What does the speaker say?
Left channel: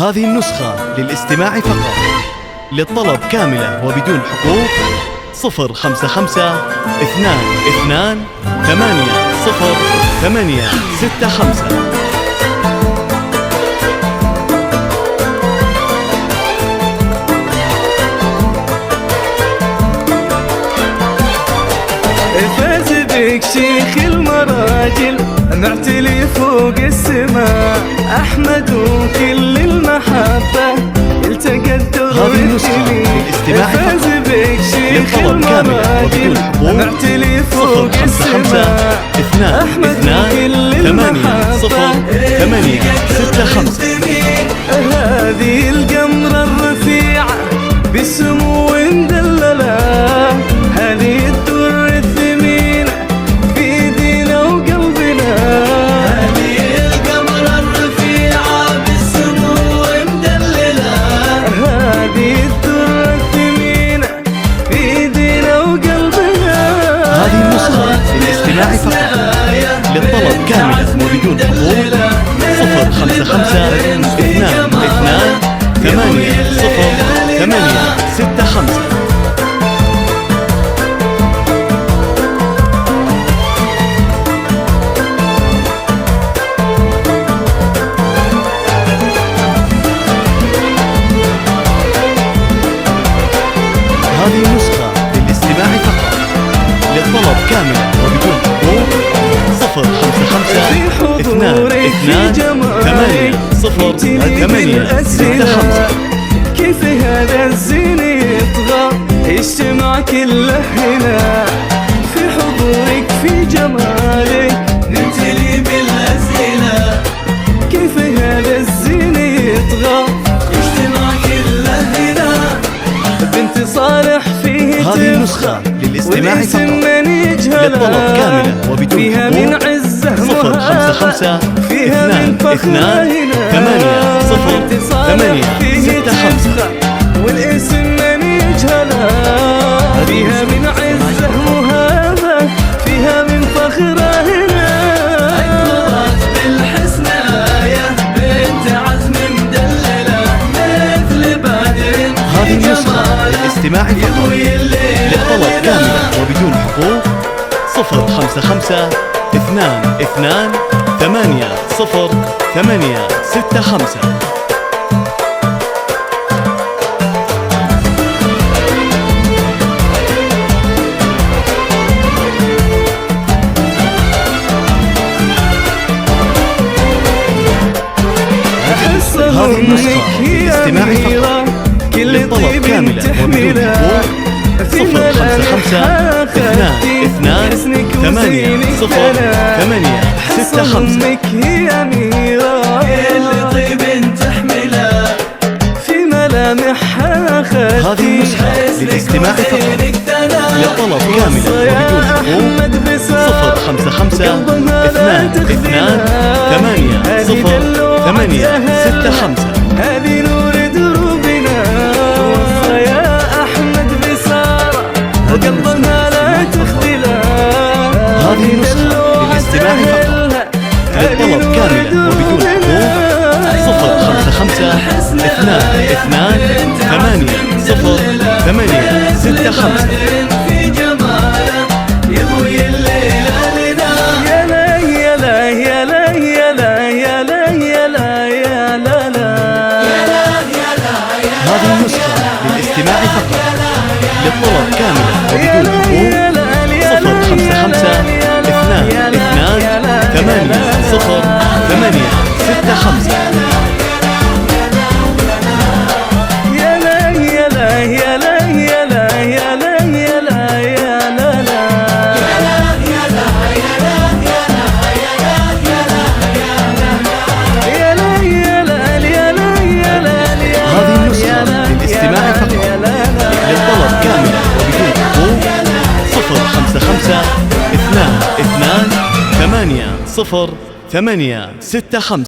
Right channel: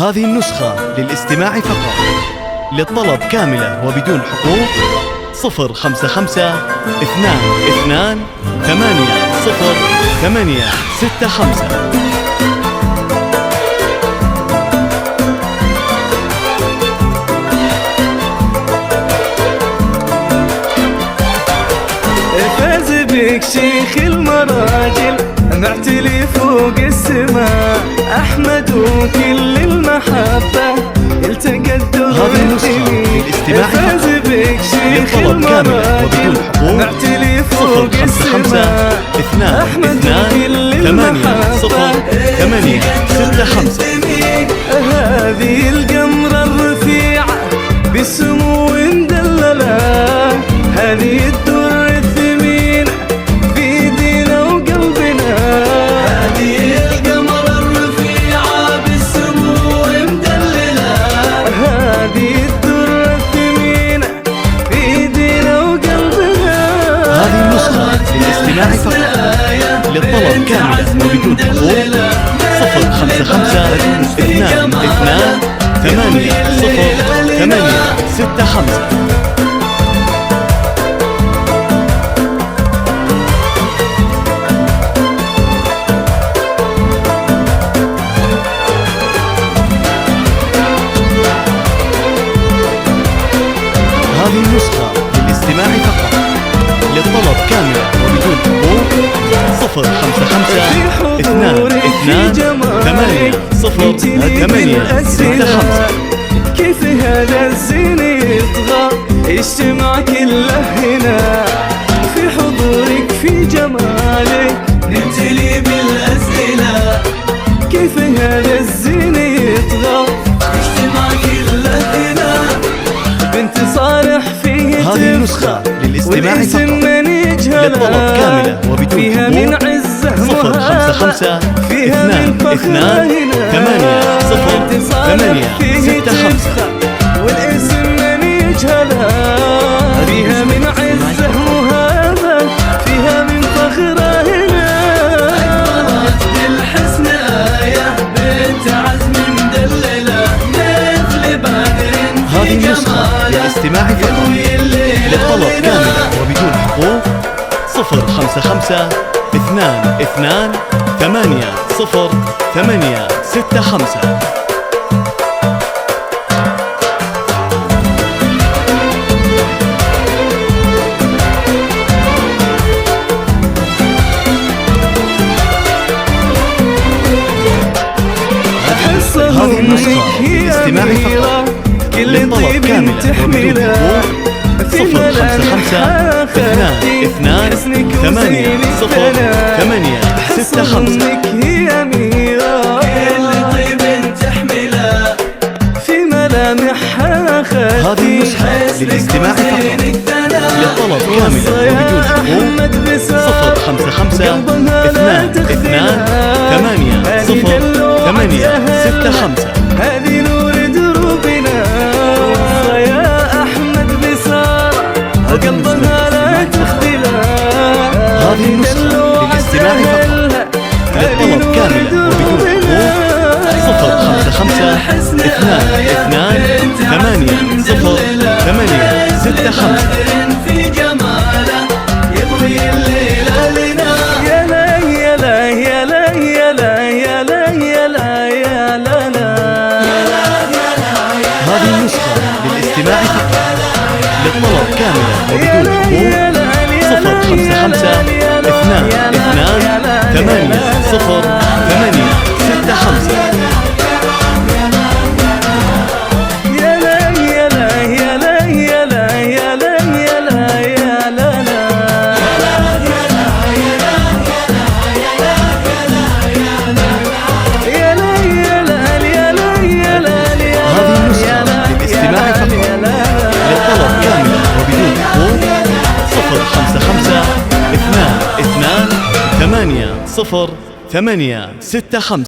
هذه النسخة للاستماع فقط. للطلب كاملة وبدون حقوق 055 22 80 865. فاز بك شيخ المراجل معتلي فوق السماء، أحمد وكل المحبة التقت هذه النسخة للاستماع فاز فقط. بك شيخ للطلب كاملة وبدون حقوق معتلي فوق 055 أحمد 22 وكل 80 865. هذه القمرة الرفيعة بالسمو مدللة، هذه الدر الثمينة في دينا وقلبنا، هذه القمرة الرفيعة بالسمو مدللة، هذه الدر الثمينة في دينا وقلبنا. هذه النسخة للاستماع فقط. للطلب كاملة وبدون حقوق 055 22 80 865. هذه النسخة للاستماع فقط. للطلب كاملة وبدون حقوق 055 22 8 65. كيف هذا الزين يطغى يجتمع كله هنا، في حضورك في جمالك نمتلي بالأسئلة، كيف هذا الزين يطغى يجتمع كله هنا، بنت صالح فيه هذه النسخة للاستماع فقط. للطلب كاملة وبدون فيها حقوق من عزه 055 فيها من 22 8 65. والاسم من يجهلها، فيها من عزه مهابة، فيها من فخره هنا، أكبرت بالحسن آية بنت عزم مدللة مثل بدر. هذه النسخة للاستماع فقط. للطلب كاملة وبدون حقوق 055 22 8 65. هذه النسخة للاستماع فقط. كل طيب تحمله في ملامح حسنك وزينك أنا حس أمك هي أميرة، كل طيب تحمله في ملامحها خدي. هذه النسخة للاستماع فقط. للطلب كاملة وبدون حقوق 055 22 8 65. هذه نور دروبنا يا أحمد بسارة وقلبها لا تخذله. هذه النسخة للاستماع فقط. للطلب كاملة وبدون حقوق 055 22 8 65. في جماله يضوي الليلة لنا، يا لا يا لا يا لا يا لا يا لا يا لا يا لا لا. هذه النسخة للاستماع فقط. للطلب كاملة وبدون حقوق 055 22 8 65. يا لا يا لا يا لا يا لا يا لا يا لا يا لا لا. يا لا يا لا يا لا يا لا. هذه النسخة للاستماع فقط. للطلب كاملة وبدون حقوق 055 22 8 65.